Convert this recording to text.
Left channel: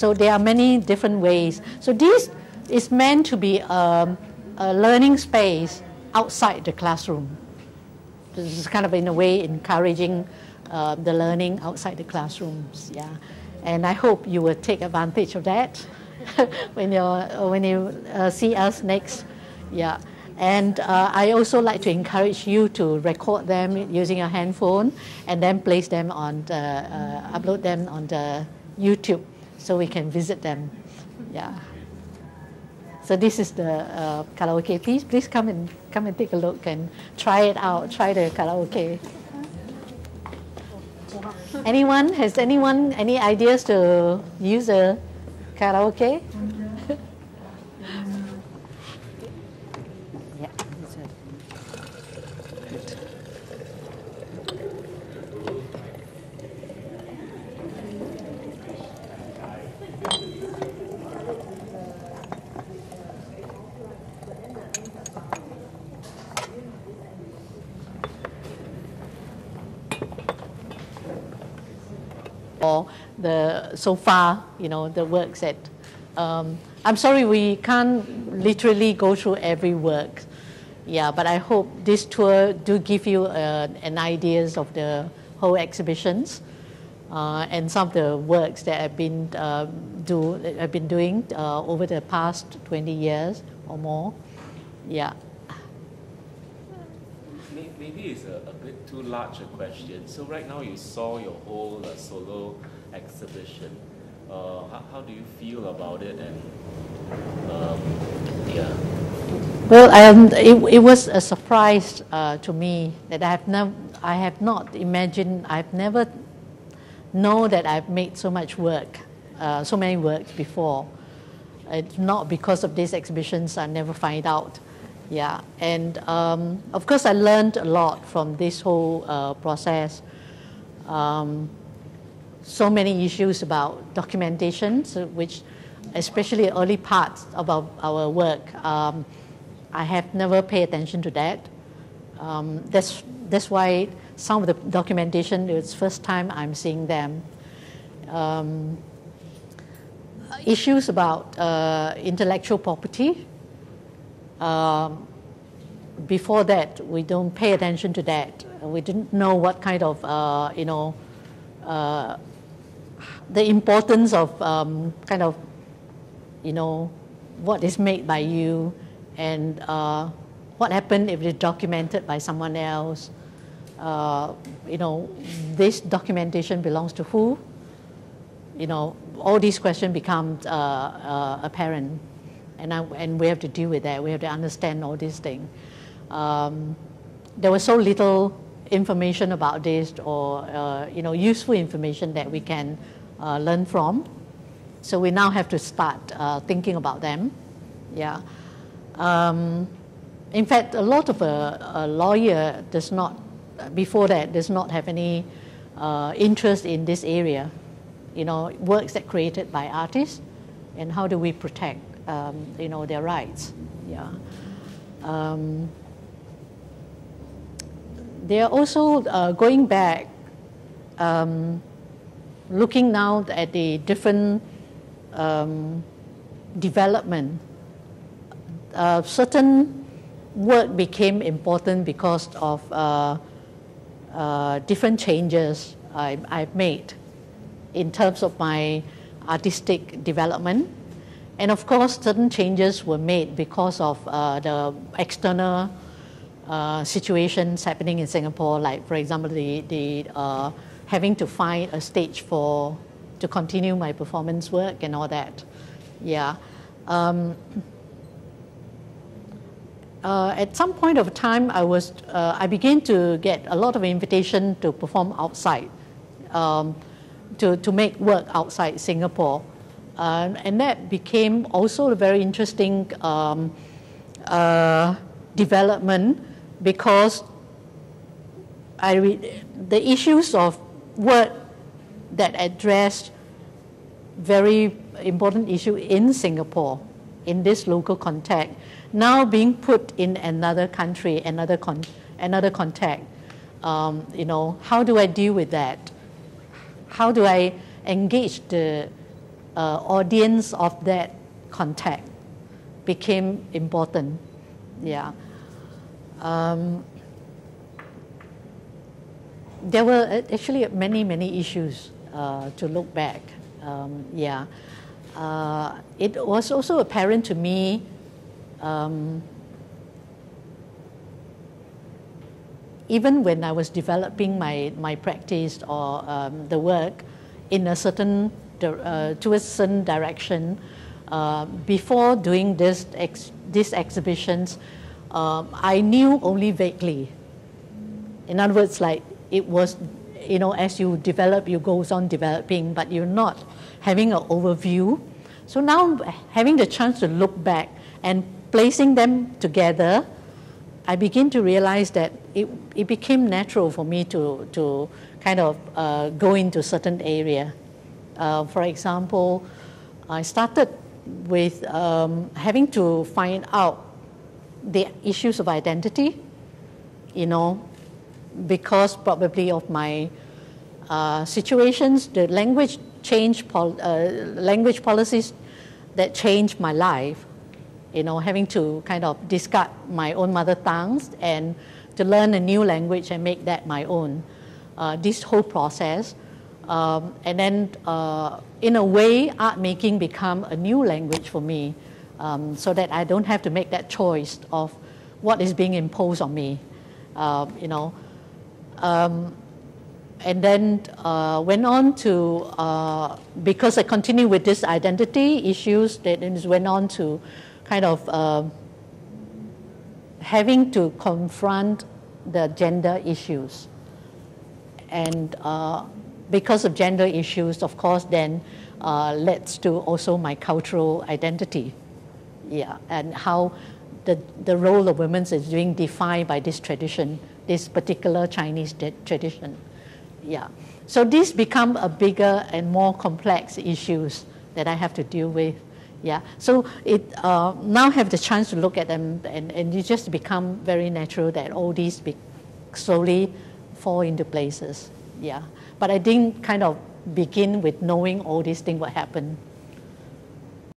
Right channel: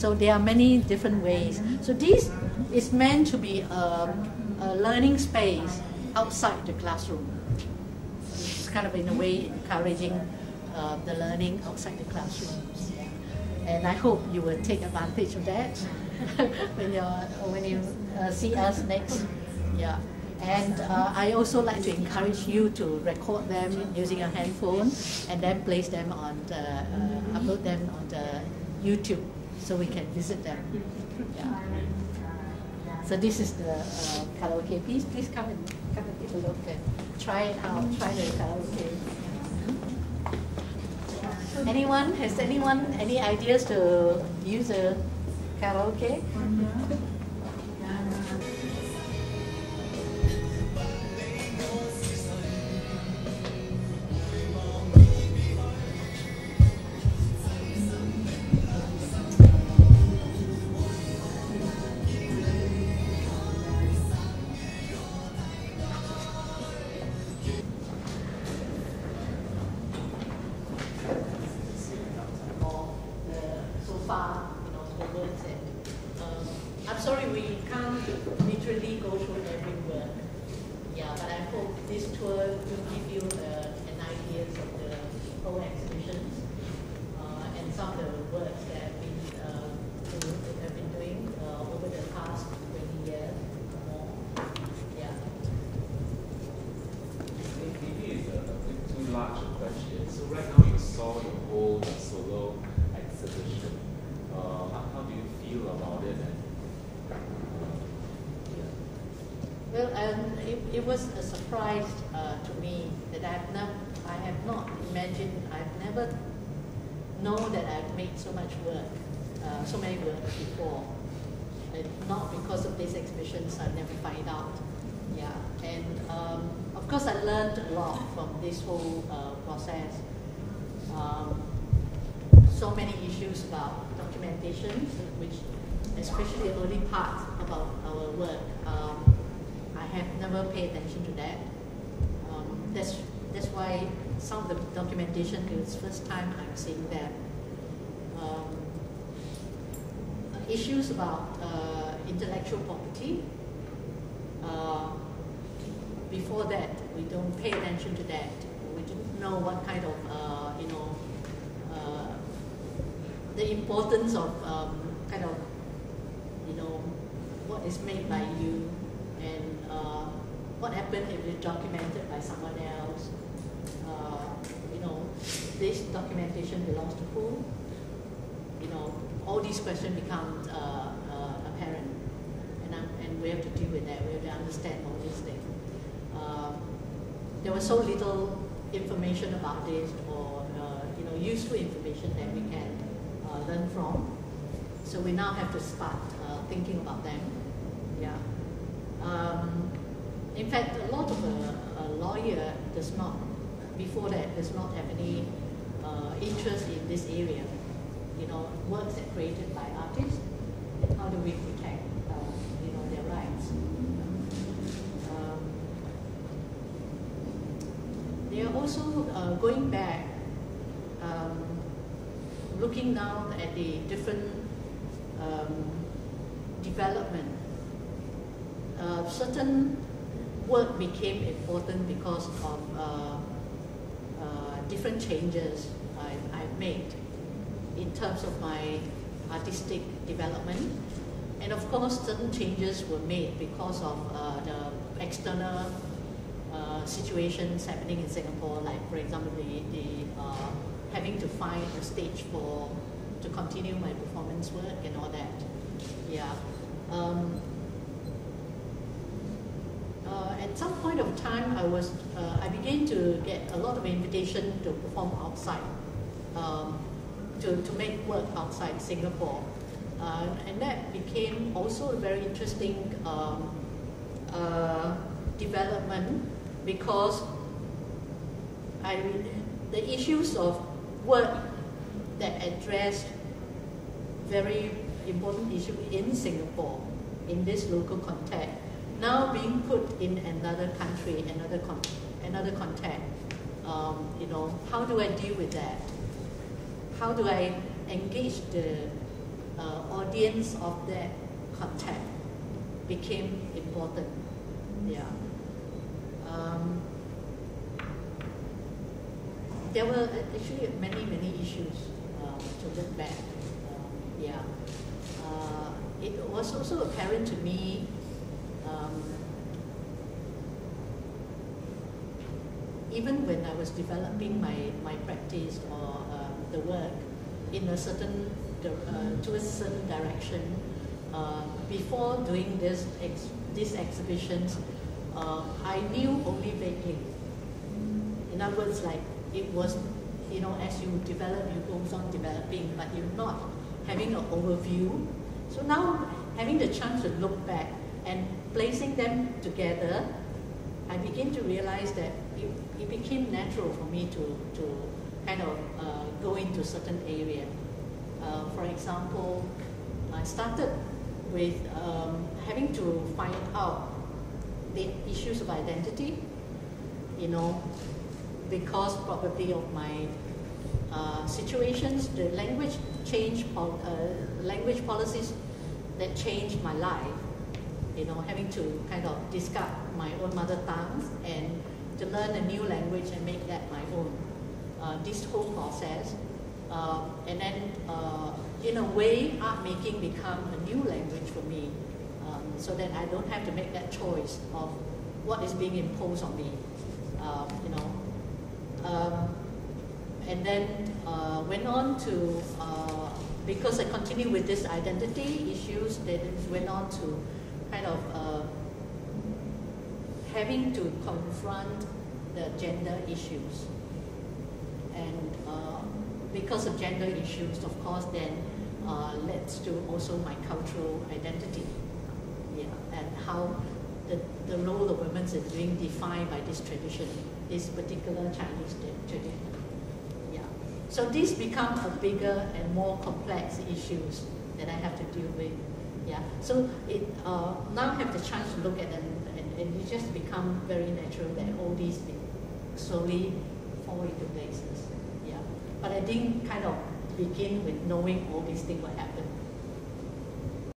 So there are many different ways. So this is meant to be a learning space outside the classroom. So it's kind of in a way encouraging the learning outside the classrooms. Yeah, and I hope you will take advantage of that when you see us next. Yeah. And I also like to encourage you to record them using your handphone and then place them on the, upload them on the YouTube so we can visit them. Yeah. So this is the karaoke. Please come and take a look and try it out. Try the karaoke. Has anyone any ideas to use a karaoke? So far, the works that, I'm sorry we can't literally go through every work, yeah, but I hope this tour do give you an ideas of the whole exhibitions and some of the works that I've been doing over the past 20 years or more, yeah. Maybe it's a bit too large a question. So right now you saw your whole solo exhibition. How do you feel about it? And yeah. Well, it was a surprise to me that I have not imagined. I've never known that I've made so much work, so many works before. It's not because of these exhibitions. I never find out. Yeah, and of course I learned a lot from this whole process. So many issues about documentation, which especially early parts about our work, I have never paid attention to that. That's why some of the documentation, it's first time I'm seeing them. Issues about intellectual property. Before that, we don't pay attention to that. We didn't know what kind of, the importance of kind of, what is made by you and what happened if it's documented by someone else. This documentation belongs to who? All these questions become apparent. And we have to deal with that. We have to understand all these things. There was so little information about this, or useful information that we can learn from. So we now have to start thinking about them. Yeah. In fact, a lot of a lawyer does not, before that, does not have any interest in this area. Works that created by artists, and how do we protect their rights. Yeah. They are also going back, looking now at the different development. Certain work became important because of different changes I've made in terms of my artistic development. And of course, certain changes were made because of the external situations happening in Singapore, like, for example, the having to find a stage to continue my performance work and all that. Yeah. At some point of time, I began to get a lot of invitation to perform outside, to make work outside Singapore. And that became also a very interesting development, because the issues of work that addressed very important issue in Singapore, in this local context, now being put in another country, another context. How do I deal with that? How do I engage the audience of that contact became important. Yeah. There were actually many issues to look back. Yeah. It was also apparent to me even when I was developing my practice or the work in a certain towards a certain direction, before doing these exhibitions, I knew only vaguely. In other words, like it was, you know, as you develop, you goes on developing, but you're not having an overview. So now having the chance to look back and placing them together, I begin to realize that it became natural for me to kind of go into certain area. For example, I started with having to find out the issues of identity, you know, because probably of my situations, the language policies that changed my life, you know, having to kind of discard my own mother tongues and to learn a new language and make that my own. This whole process, and then in a way, art making become a new language for me, so that I don't have to make that choice of what is being imposed on me, you know. And then went on to, because I continue with this identity issues, then went on to kind of having to confront the gender issues. And because of gender issues, of course, then leads to also my cultural identity. Yeah, and how the role of women is being defined by this tradition, this particular Chinese tradition. Yeah, so these become a bigger and more complex issues that I have to deal with. Yeah, so it now have the chance to look at them, and it just become very natural that all these slowly fall into places. Yeah, but I didn't kind of begin with knowing all these things what happened.